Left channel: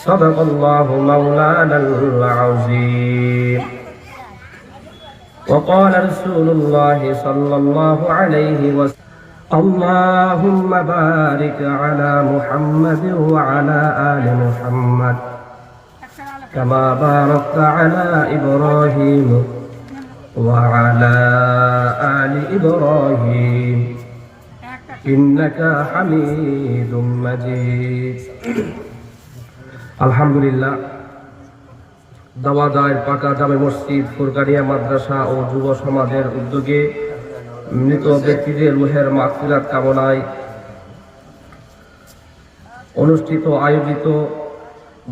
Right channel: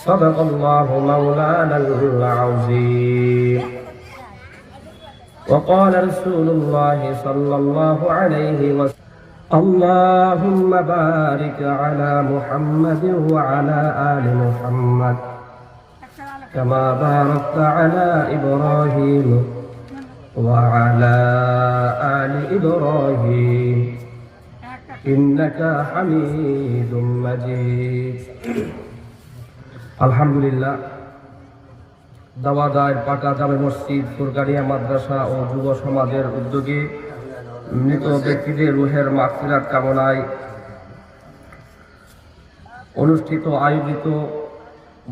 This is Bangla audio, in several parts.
صدق الله مولانا العظيم وقال رسول الله صلى الله عليه وسلم اللهم بارك على محمد وعلى آل محمد كما باركت على إبراهيم وعلى آل إبراهيم إنك حميد مجيد আলহামদুলিল্লাহ দাওয়াদার পাকা জামে মসজিদ, ফুরকানিয়া মাদ্রাসা ও যুব সমাজের উদ্যোগে মৃত ব্যক্তিদের রুহের মাগফিরাত কামনায় অনুষ্ঠিত, আয়োজিত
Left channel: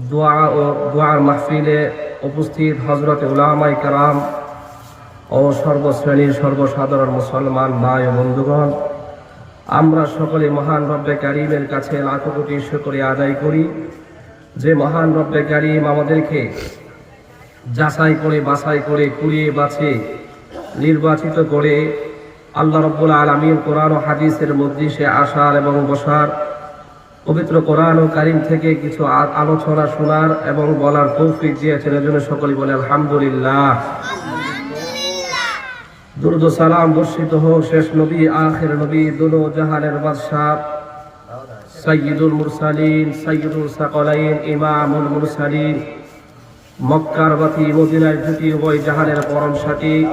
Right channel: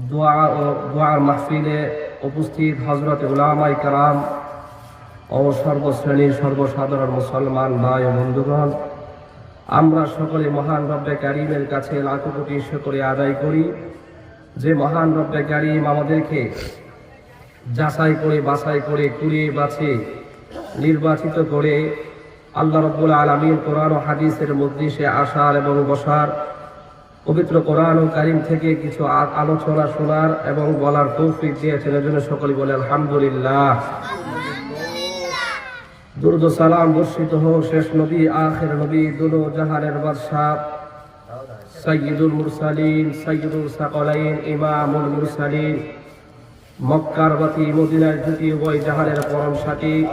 দোয়া ও দোয়ার মাহফিলে উপস্থিত হজরত উলামাই কারাম ও সর্বশ্রেণীর সর্বসাধারণ মুসলমান নায় ও বন্ধুগণ, আমরা সকলে মহান রব্বে কারিমের কাছে লাখ কোটি শুকরিয়া আদায় করি। যে মহান রব্বে কারিম আমাদেরকে যাচাই করে, বাছাই করে, কুড়িয়ে বাছে, নির্বাচিত করে আল্লাহ রব্বুল আলমীর কোরআন ও হাদিসের মধ্যে আসার এবং বসার, পবিত্র কোরআন ও কারিম থেকে কিছু আলোচনা শোনার এবং বলার তৌফিক দিয়েছেন এজন্য সকলে বলে আলহামদুলিল্লাহ। দুরুদ সালাম বর্ষিত হোক, শেষ নবী, আখের নবী দুনো জাহানের বাদশাহ। সৈয়দুল মুরসালিন সৈয়দুল সাকলাইন, ইমামুল মুরসালিন। মক্কার মদিনায় দুটি উভয় জাহানের পরম সাথী,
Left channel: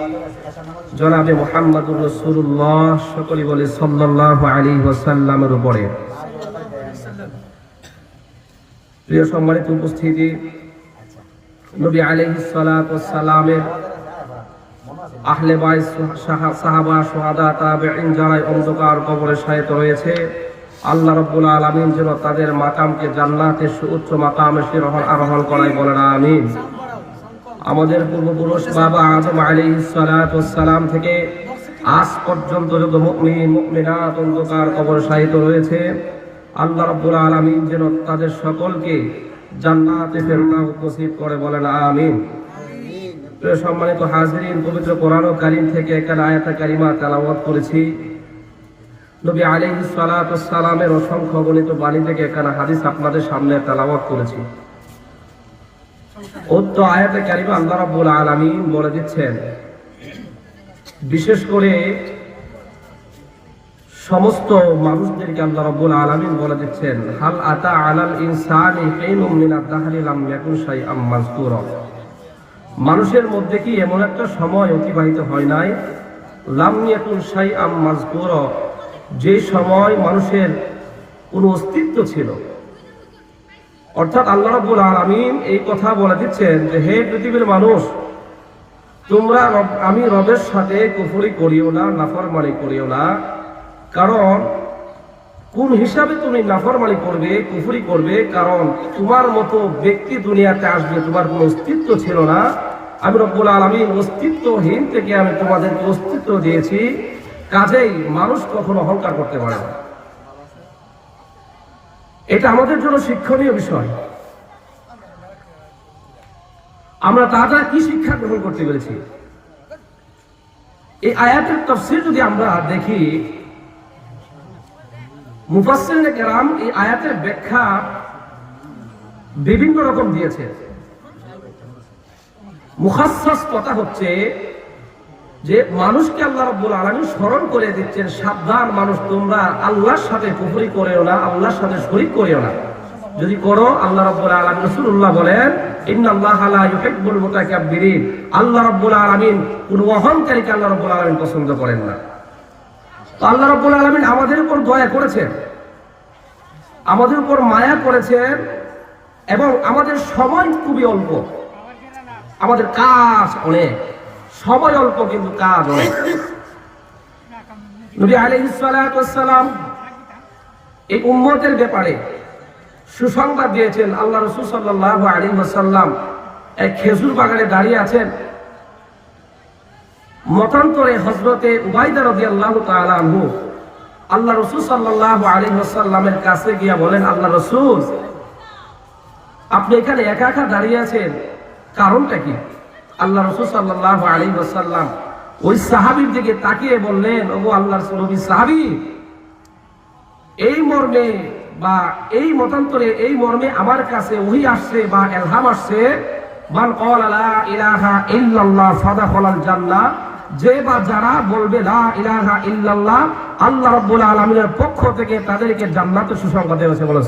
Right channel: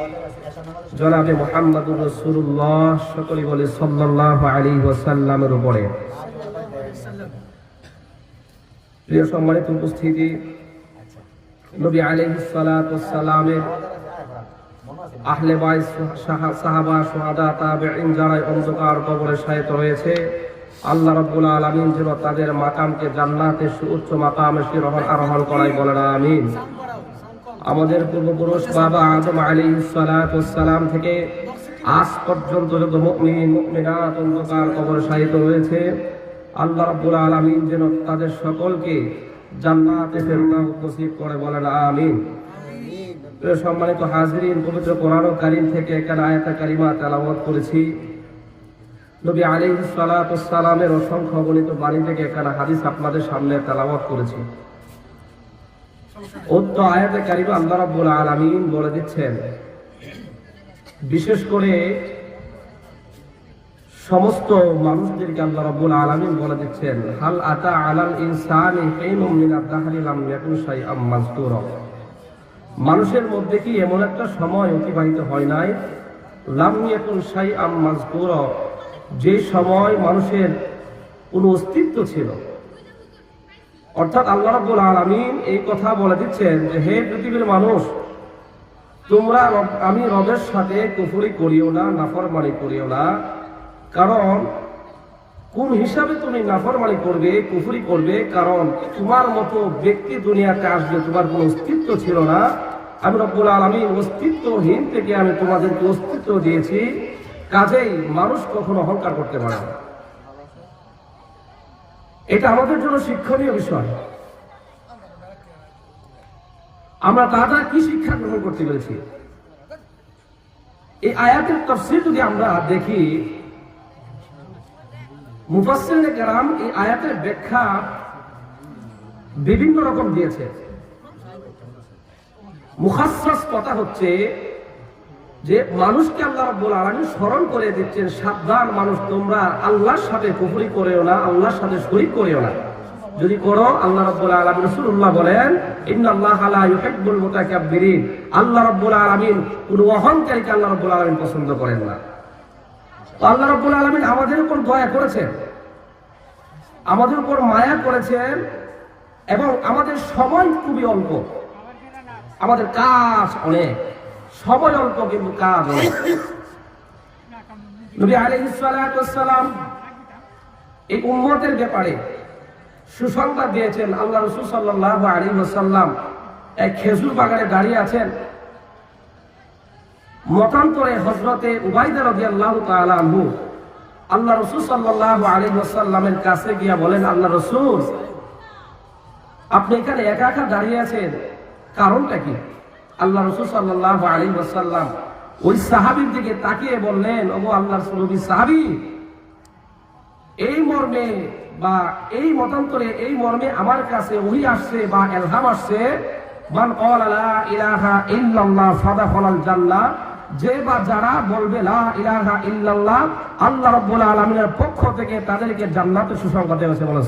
জনাবে মোহাম্মদুর রসুল্লাহ সকলে বলে সাল্লাল্লাহু আলাইহি ওয়াসাল্লামের উপরে। প্রিয় সম্মানিত উপস্থিতি, নবী আলাইহিস সালাতু ওয়াস সালামের আহলে সাহা- সাহাবা, সোহাদা, তাবেঈন যারা অন্ধকার কবরে শায়িত রয়েছে আল্লাহ রাব্বুল আলামিন যেন তাদের মাকামকে জান্নাতের সুউচ্চ মাকামে শিরোহণ আরোহণ করাই বলেন, আমিন। আমাদের পূর্বপুরুষ বাবা আদম সালাতু সালাম থেকে আজ পর্যন্ত যত মুমিন, মুমিনাত অন্ধকার কবর শায়িত রয়েছে, আল্লাহ রাব্বুল আলামিন যেন তাদের সকলকে জান্নাতে ফেরদাউস নসিব করে বলেন, আমিন। সম্মানিত হাজিরিন, পবিত্র কোরআন কারিম থেকে একটা আয়াতা কারিমা তেলাওয়াত করেছি। নবী আলাইহিস সালাতু ওয়াস সালামের অসংখ্য থেকে হাদিস আপনাদের সামনে তেলাওয়াত করেছি। আয়াতে বলে দিচ্ছেন, বিশেষ করে সমস্ত মানুষদেরকে আল্লাহ রাব্বুল বলে দিচ্ছেন, হাল আতা আলাল ইনসানি মানুষের মধ্যে কি এমন একটা সময় অতিবাহিত হয় নাই? লাম ইয়াকুন শাইআম মাযকুরা। যে সময় মানুষের কোনো অস্তিত্ব ছিল। অর্থাৎ আল্লাহ আলামিন এই কথা বলে দিচ্ছেন যে, হে পৃথিবীর মানুষ, তোমরা আমি রবের সাথে কুফরি করিও না, নাফরমানি করিও না। কারণ, কোন হিসাবে তুমি নাফরমানি করবে, কুফুরি করবে? কারণ, তোমার মতো ব্যক্তি দুনিয়াতে আসবে, তোমার কোনো অস্তিত্ব ছিল না। আমি রব্বুল আলমীর অস্তিত্বহীন থেকে আমি তোমাদেরকে অস্তিত্ব দিয়েছি। কাজেই মানুষ কখনো অহংকার করতে পারে না। এটা আমাদের জন্য শিক্ষণীয় বিষয়। আমরা তার দ্বারা কি শিক্ষা গ্রহণ করতে পেরেছি? এই আয়াতের তফসির যদি আমরা দেখি মুফাসসিরিনে কেরাম এই আয়াতের ব্যাখ্যা বিভিন্ন রকম দিয়েছে। মুখাসসাস কথা হচ্ছে যে মানুষকে আল্লাহ রাব্বুল আলামিন স্মরণ করে দিচ্ছেন, সাবধান মানুষ, তোমরা আল্লাহর সাথে কুফরি করেও না, আল্লাহর সাথে শরীক করেও না। যদি করো, আল্লাহ রাব্বুল আলামিন রাসূলুল্লাহ বলেন, ইন্নাল্লাহা লা ইউহিব্বুল মুতাকাব্বিরিন। আল্লাহ রাব্বুল আলামিন কোন অহংকারীকে আল্লাহ রাব্বুল আলামিন পছন্দ করেন না। আল্লাহ রাব্বুল আলামিন আমাদের উপর দয়া করেছেন। আমাদের উপর মায়া করেছেন এবং আমাদের সময় খুবই অল্প। আমাদের কাজ অনেক। সময় অল্প কিন্তু কাজ মতান্তরে আনহু আল্লাহ রসুল কাছে গিয়া বলেন, আল্লাহ রসুল, আপনি এখানে একা একা দাঁড়িয়ে আছেন, কারণটা কি? আল্লাহ রসুল সাল্লাহ আলী ওই সাহাবির দিকে তাকিয়ে বললেন ও নবী সাহাবি, এই মর্মে বা এই মতান্তরে এই মর্মে আমার কাছে আসছে বা এলহাম আসছে যে বা যারা বলবে আল্লাহ পক্ষ থেকে তাদেরকে জান্নাতের সুসংবাদ দেওয়া হয়েছে বলে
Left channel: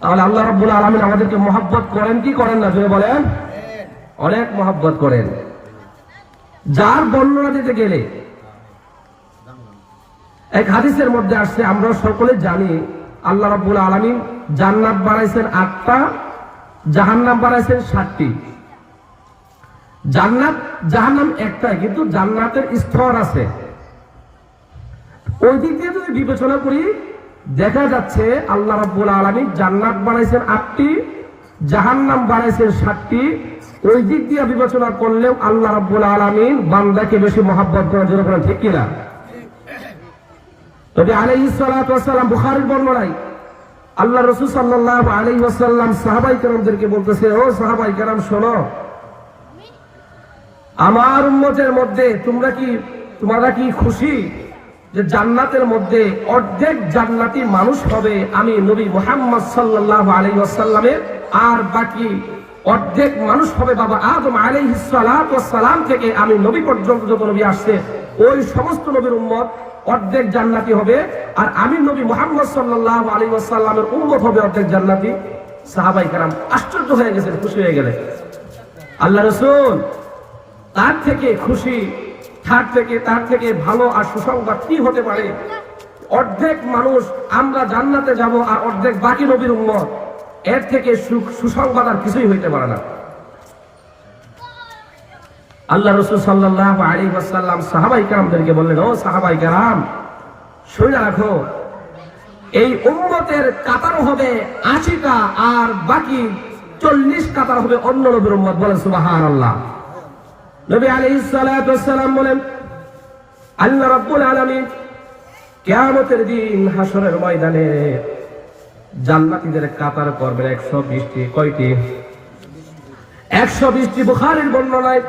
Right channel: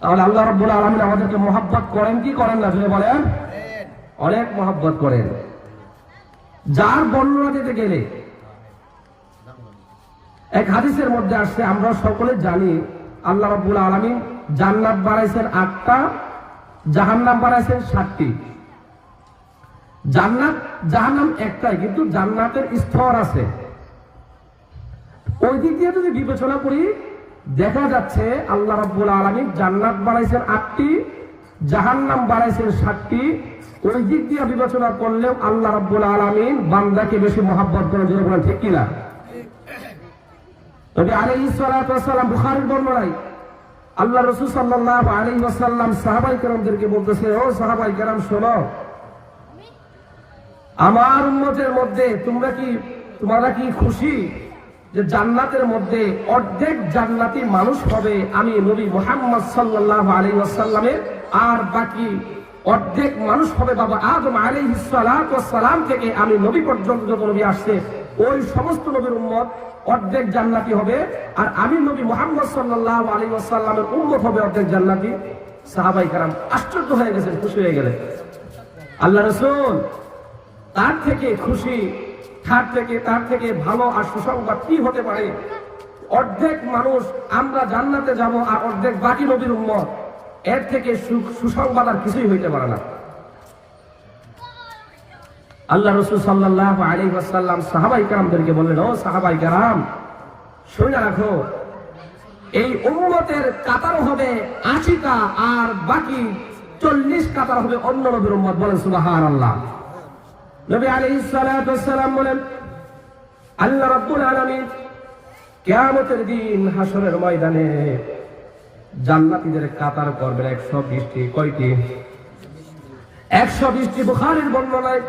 তাহলে আল্লাহ রাব্বুল আলামিন আমাদেরকে মহব্বত করেন, কি করেন না জয় বলেন? অনেক মহব্বত করেন। যার বর্ণনা দিতে গেলে, এক হাদিসের মধ্যে আসছে, আমরা সকলে জানি, আল্লাহ রাব্বুল আলামিন জান্নাত বানাইছেন আটটা, জাহান্নাম বানাইছেন ষাটটি জান্নাত, জাহান্নাম একটাই, কিন্তু জান্নাতের স্তর আছে। ওই দিক দিয়ে যদি বিবেচনা করি দেখা যাচ্ছে আল্লাহ রাব্বুল আলামিন জান্নাত বানাইছেন আটটি, জাহান্নাম বানাইছেন সাতটি। ওই দিক দিয়ে বিবেচনা করলেও আল্লাহ রাব্বুল আলামিন বান্দাকে বেশি মহব্বত করার জন্য বলেন, ঠিক কিনা? তবে আলাইহিস সালাতু ওয়াসসালাম বুখারীর বর্ণনায় আল্লাহ রাসূল সাল্লাল্লাহু আলাইহি ওয়াসাল্লাম সাহাবাই কেরামদেরকে বলতেছে, ও সাহাবাই কেরাম, শোনো, আমার উম্মতের মধ্যে তোমরা কি তোমরা কি খুশি? যে জান্নাতের মধ্যে অর্ধেক জান্নাতি মানুষ হবে আমি নবী মোহাম্মদ সাল্লাহ আলী ওয়াসাল্লামের। আর বাকি অর্ধেক মানুষ হবে বাবা আদম আলী থেকে আমি নবী পর্যন্ত নবী আসছে। ওই সমস্ত নবীর উম্মত অর্ধেক জান্নাতি হবে। আর আমি নবী মোহাম্মদ সাল্লাহ আলী ওয়াসাল্লামের উম্মত হবে অর্ধেক জান্নাতি। সাহাবাই কারাম আশ্চর্য হয়ে গেছে খুশি হয়ে গেলে আল্লাহ রসুল তার থেকে খুশি তার থেকে তার থেকে ভালো আর সুসংবাদ কি হতে পারে? অর্ধেক মানুষ, আমরা জান্নাতে যাব আর অর্ধেক বাকি নবীর উম্মত। এর থেকে সুসংবাদ আর কিছুই হইতে পারে না। আল্লাহ রসুল সাল্লাহ আলী ওয়াসাল্লাম সাহাবাই কারামদেরকে বললেন, ও সাহাবাই কারাম, শুনে রাখো, এই উম্মতের কাতার হবে আশিটা আর বাকি চল্লিশ কাতার হবে অন্য নবীর উম্মত বলেন সুবাহান আল্লাহ নবী আলাইহিস সালাতু ওয়াসসালাম বলেন, আল্লাহ রাব্বুল আলামিন কিয়ামতের দিন হাসরের ময়দানে জান্নাতীদের কাতার করবেন 120 টি কয়টি? 120 টি বুখারীর বর্ণনায়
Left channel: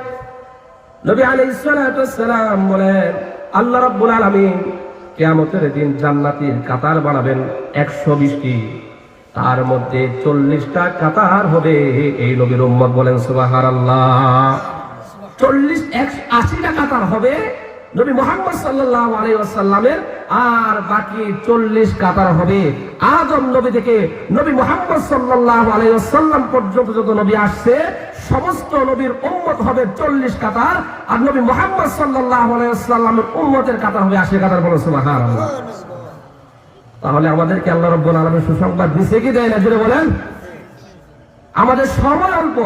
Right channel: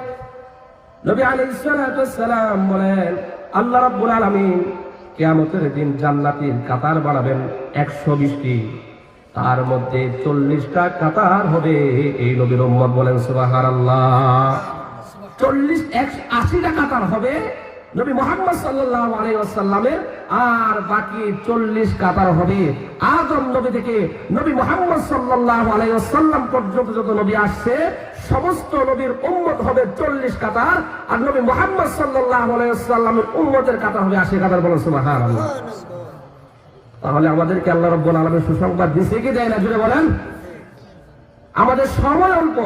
নবী আলাইহিস সালাতু ওয়াসসালাম বলেন, আল্লাহ রাব্বুল আলামিন কিয়ামতের দিন জান্নাতীর কাতার বাড়াবেন 120 টি তার মধ্যে চল্লিশটা কাতার হবে। এই নবীর উম্মত বলেন, সুবহানাল্লাহ। চল্লিশ একশো আশিটা কাতার হবে। নবী মোহাম্মদ সাল্লাহ আলাইসাল্লামের আর বাকি চল্লিশ কাতার হবে। আদম নবী থেকে নবী মোহাম্মদ সাল্লাহ আলাইসাল্লাম পর্যন্ত যত নবী আসছে, সমস্ত নবীর উম্মত হবে চল্লিশ কাতার। আর নবী মোহাম্মদ সাল্লাহ আলাইসাল্লামের উম্মতের কাতার হবে আশি কাতার বলে শোনা তাহলে আমাদেরকে আল্লাহ রব্বুল আলমের সুসংবাদ দিছে কি দেয় না বলেন? আমাদের সময় অল্প।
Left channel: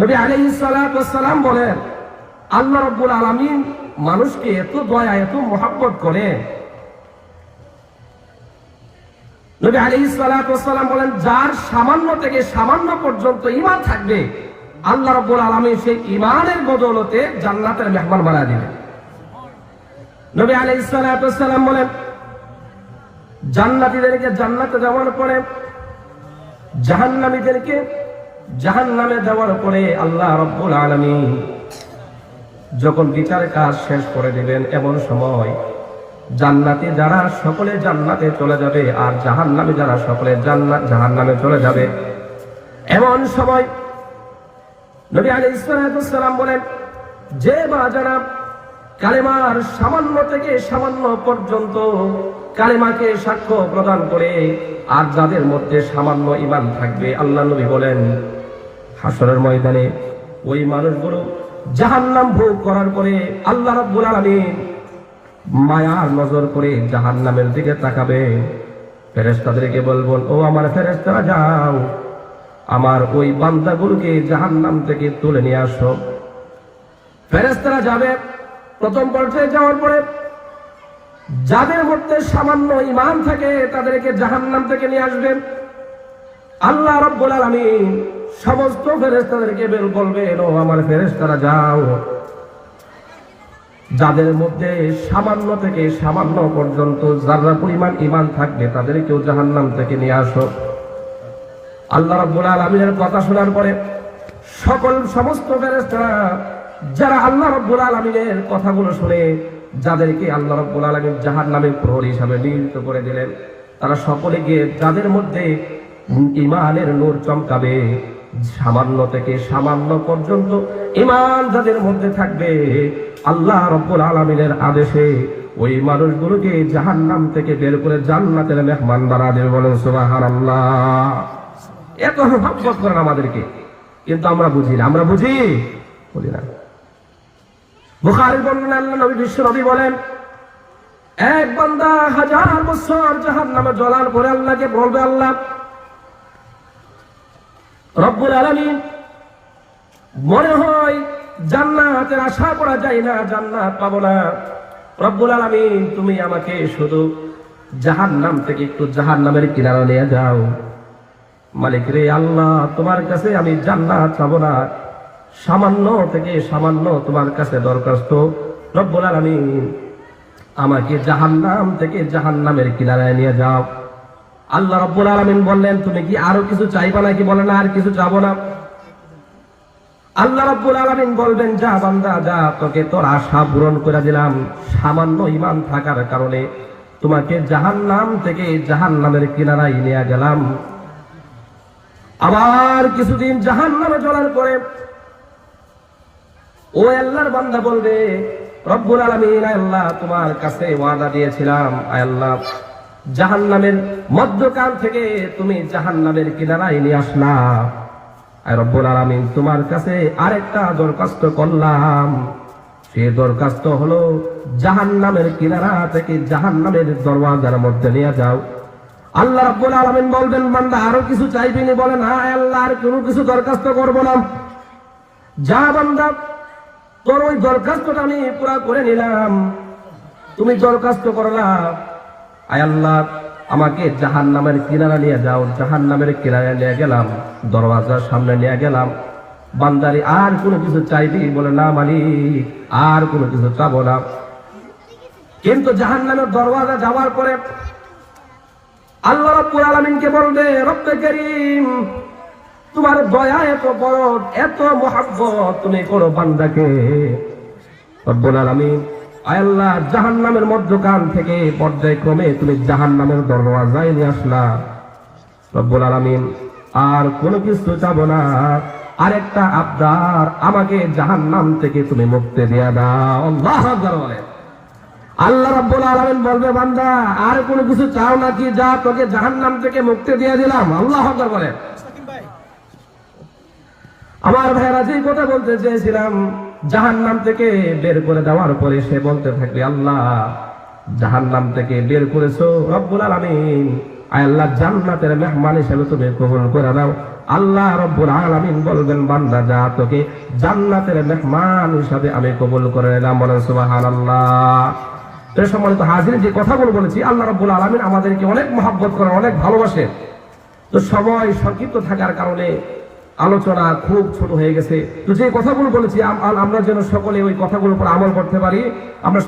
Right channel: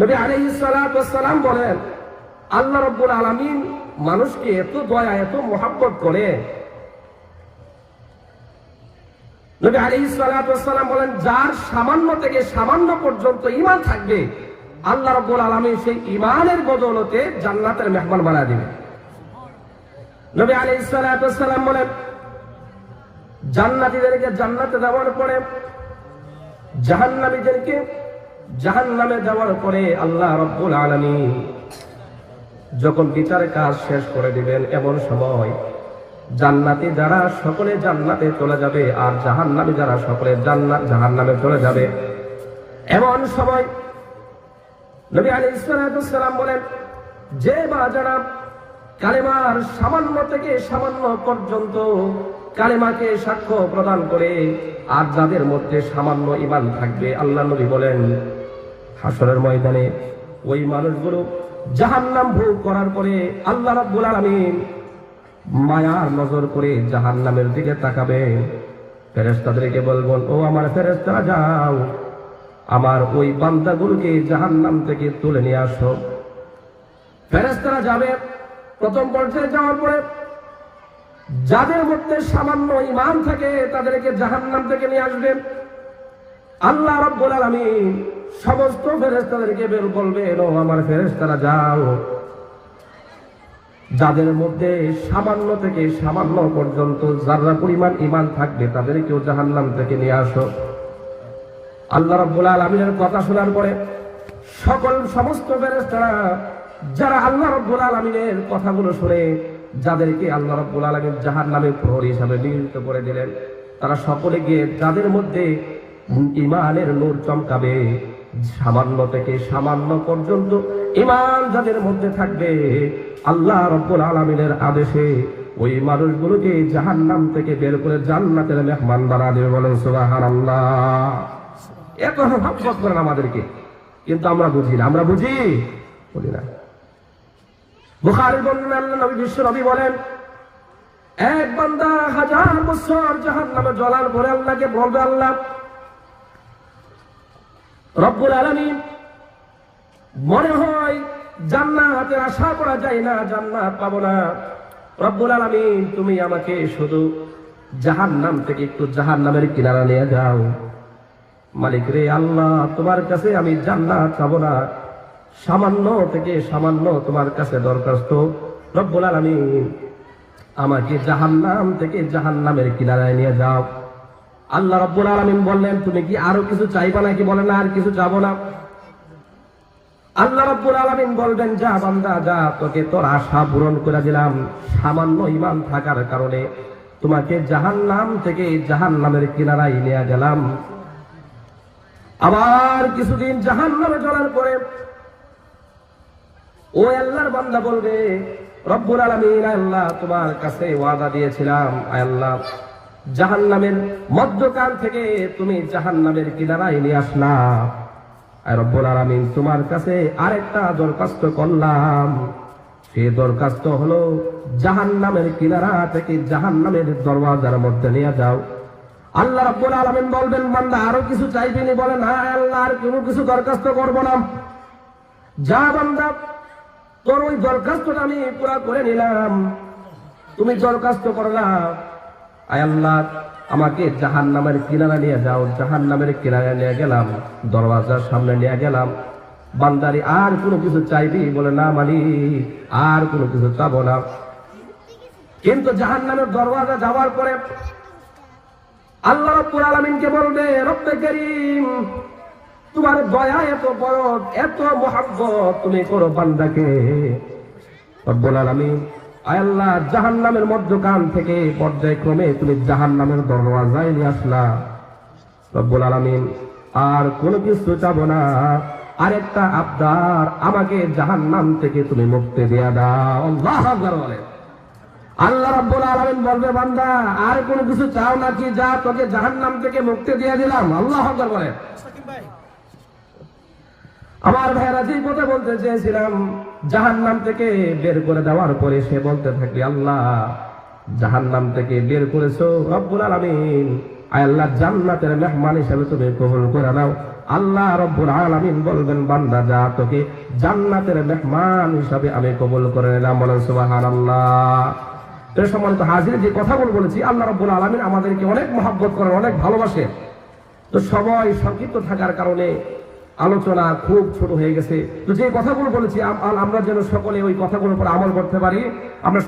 নবী আলাইহিস সালাতু বলেন, আল্লাহ রাব্বুল আলামিন মানুষকে এত দয়া, এত মহব্বত করে নবী আলাইহিস সালাতু বলেন, যার সামান্য থেকে সামান্য পর্যন্ত ইমান থাকবে, আল্লাহ রাব্বুল আলামিন সেই ঈমানের বদৌলতে জান্নাতের মেহমান বানা দিবেন নবী ওয়াসসালাম বলেন, জান্নাতীদেরকে জান্নাতে দেওয়ার পরে জাহান্নামীদেরকে জাহান নামে যাওয়ার পরে আল্লাহ রব্বুল আলমী যখন বিচারের কাজ শেষ করে দিবেন এমন সময় জান্নাতি যারা সকলে জান্নাতে চলে যাবে আর জাহান নামে যারা সকলে জান্নাত জাহান নামে চলে যাবে, এমন সময় নবী আলী ইসলাম বলেন, যে বা যারা কালেমার সামান্য থেকে সামান্য পর্যন্ত কালেমাকে সাক্ষ্য প্রদান করে, আর যাদের মধ্যে সামান্য ইমান থাকবে, আল্লাহ নবী বলেন হাসরের ময়দানে ওই মানুষগুলো জাহান্নাম ভোগ করার পরে আল্লাহ রাব্বুল আলামিন মায়ার নজর করে জাহান্নামের দিকে তাকাবে। ফেরেশতাদেরকে বলবেন ও আমার ফেরেশতারা, যাও। আমার ওই বান্দাগুলোকে জাহান্নাম থেকে তুলে নিয়ে আসো। ফেরেশতারা যাবে প্রথম পর্যায়ে যাওয়ার পরে যাদের মধ্যে সামান্য ইমান থাকে তাদেরকে জাহান্নাম থেকে নিয়ে আসবেন আল্লাহ রব্বুল আলামিন সমস্ত ফেরেশতাদেরকে বের বলবেন ও আমার ফেরেশতারা, যাও। যাদের মধ্যে সামান্য থেকে সামান্য পর্যন্ত যারা পরিমাণ ইমান থাকবে তাদেরকেও জাহান্নাম থেকে নিয়ে আসো। আল্লাহ রাব্বুল আলামিনের কথা শোনার পরে সকল সমস্ত ফেরেশতারা, যারা আল্লাহ রাব্বুল আলামিনের কথাগুলো শুনে, যাদেরকে আল্লাহ রাব্বুল আলামিন জাহান্নামের প্রহরী হিসাবে নিযুক্ত করে দিলেন, তারা সকলে গিয়ে যাদের মধ্যে ইমানের নূর চমকাবে। সামান্য থেকে সামান্য পর্যন্ত ইমান যাদের মধ্যে থাকবে। আল্লাহ রব্বুল আলামিনের আদেশে ওই মানুষগুলোকে জাহান্নাম থেকে বের করে জান্নাতের মেহমান বানা দেবে বলেন, সুবহানাল্লাহ। এত মহব্বত করেন আমাদেরকে। কিন্তু আমরা বুঝি না। আমরা বুঝি? বুঝি না। বুখারীর বর্ণনা আল্লাহ নবী বিশ্ব নবী বলেন, এক বান্দা হাজার বছর জাহান্নামে জ্বলার পরে আল্লাহকে বলবে, আল্লাহ রব্বুল আলামিন মনে হয় জান্নাতের আশা করা যায় না, জান্নাত পাবো না। রব্বুল আলামিন, তুমি আমাকে শুধু জাহান নাম থেকে একটু জাহান নামের কিনারা নিয়ে যাও। মালিক রে আল্লাহ, তোমার কাছে আমি জান্নাত পাবো না। সামান্য থেকে সামান্য তোমার কাছে দরখাস্ত। রব্বুল আলামিন, আমাকে জাহান নাম থেকে জাহান নামের কিনারায় নিয়ে যাও। আল্লাহ রব্বুল আলামিন বললেন, তুমি কি আরও কিছু চাইবা নাকি? বলে, না, আর কিছু চাবো না। আল্লাহ রব্বুল আলামিন বলবেন যা বান্দা, যা, তোকে তোর আশা পূরণ করে দিলাম। সামান্য ইমান থাকার কারণে তোমাকে জাহান্নাম থেকে জাহান্নামের কিনারায় নিয়ে গেলাম। আবার কিছুদিন জাহান্নামে চলার পরে ও আল্লাহর বান্দা বলবে, রব্বুল আলামিন, আল্লাহ তোমার কাছে ওয়াদা দিয়েছিলাম। আয় আল্লাহ জাহান্নামের মধ্যকাল থেকে তুমি জাহান্নামের কিনারায় নিয়ে আসলা। রব্বুল আলামিন, তোমার কাছে আরেকটা দরখাস্ত করলাম। সে দরখাস্ত হলো, জাহান্নামের কিনারা থেকে জাহান্নামের দরওয়াজার মধ্যে নিয়ে যাও। আল্লাহ রাব্বুল আলামিন বলবেন, বান্দা, আরও কিছু চাইবেনি বলেন হ্যাঁ আল্লাহ, আর কোনো কিছু দরখাস্ত করব না। যা বান্দা, তোর ওই দরখাস্তটা আমি পুরা করে নিলাম। তুমি দরখাস্ত করলা। আয় আল্লাহ, আমাকে জাহান নামের কিনারা নিয়ে যাও জাহান নামের কিনারা নিয়ে গেলাম, দরওয়াজার সামনে নিয়ে গেলাম। বান্দারি আর কোনো কিছু চাইবি? বলে, না মালিক, আর কোনো কিছু চাবো না। কিন্তু জাহান নামের দরওয়াজা যাওয়ার পরে আল্লাহ রাব্বুল আলামিনকে বলবে, রব্বে করিম, তোমার দয়া এত বড়, এত মহাব্বত, তুমি কোনো বান্দাকে, রব্বুল আলামিন আল্লাহ জাহান্নামের মধ্যখান থেকে পর্যায়ক্রমে তুমি জাহান্নামের দরওয়াজায় নিয়ে আসলা। রব্বুল আলামিন আর কোনো কিছু চাব না। আরেকটা আবদার আমাকে জাহান্নাম থেকে তুমি মুক্তি দিয়া দাও। আল্লাহ বলেন আল্লাহ রাব্বুল আলামিন বলবে বান্দা আর কোনো কিছু চাও নাকি যা তোকে জাহান্নাম থেকে মুক্তি দিয়ে দিলাম। আল্লাহ বলে। আমার ভাইরা যে কথা বলতে চেয়েছিলাম জাহান্নাম থেকে বের করে দেওয়ার পরে সে বলতে থাকবে আল্লাহ জাহান নাম থেকে বের করেছ, রব্বুল আলামিন। আল্লাহ, জান্নাতের মেহমান হিসেবে তুমি কবুল করে দাও আল্লাহ রব্বুল আলামিন বলবেন, বান্দা, যা তোকে জান্নাতের মেহমান হিসাবে আমি কবুল করে নিলাম। বলেন, সুবহানাল্লাহ। তো হাজির, যে কথাগুলো বলেছি, আল্লাহ রাব্বুল আলামিন আমাদেরকে অনেক মহাব্বত করে, অনেক ভালোবাসে। তো সময় সংক্ষিপ্ত থাকার কারণে আলোচনা খুব ছোট হয়ে গেছে। তো যে কথাগুলো বলেছি আমরা যেন সকলে ওই কথাগুলোর উপর আমল করতে পারি, আমরা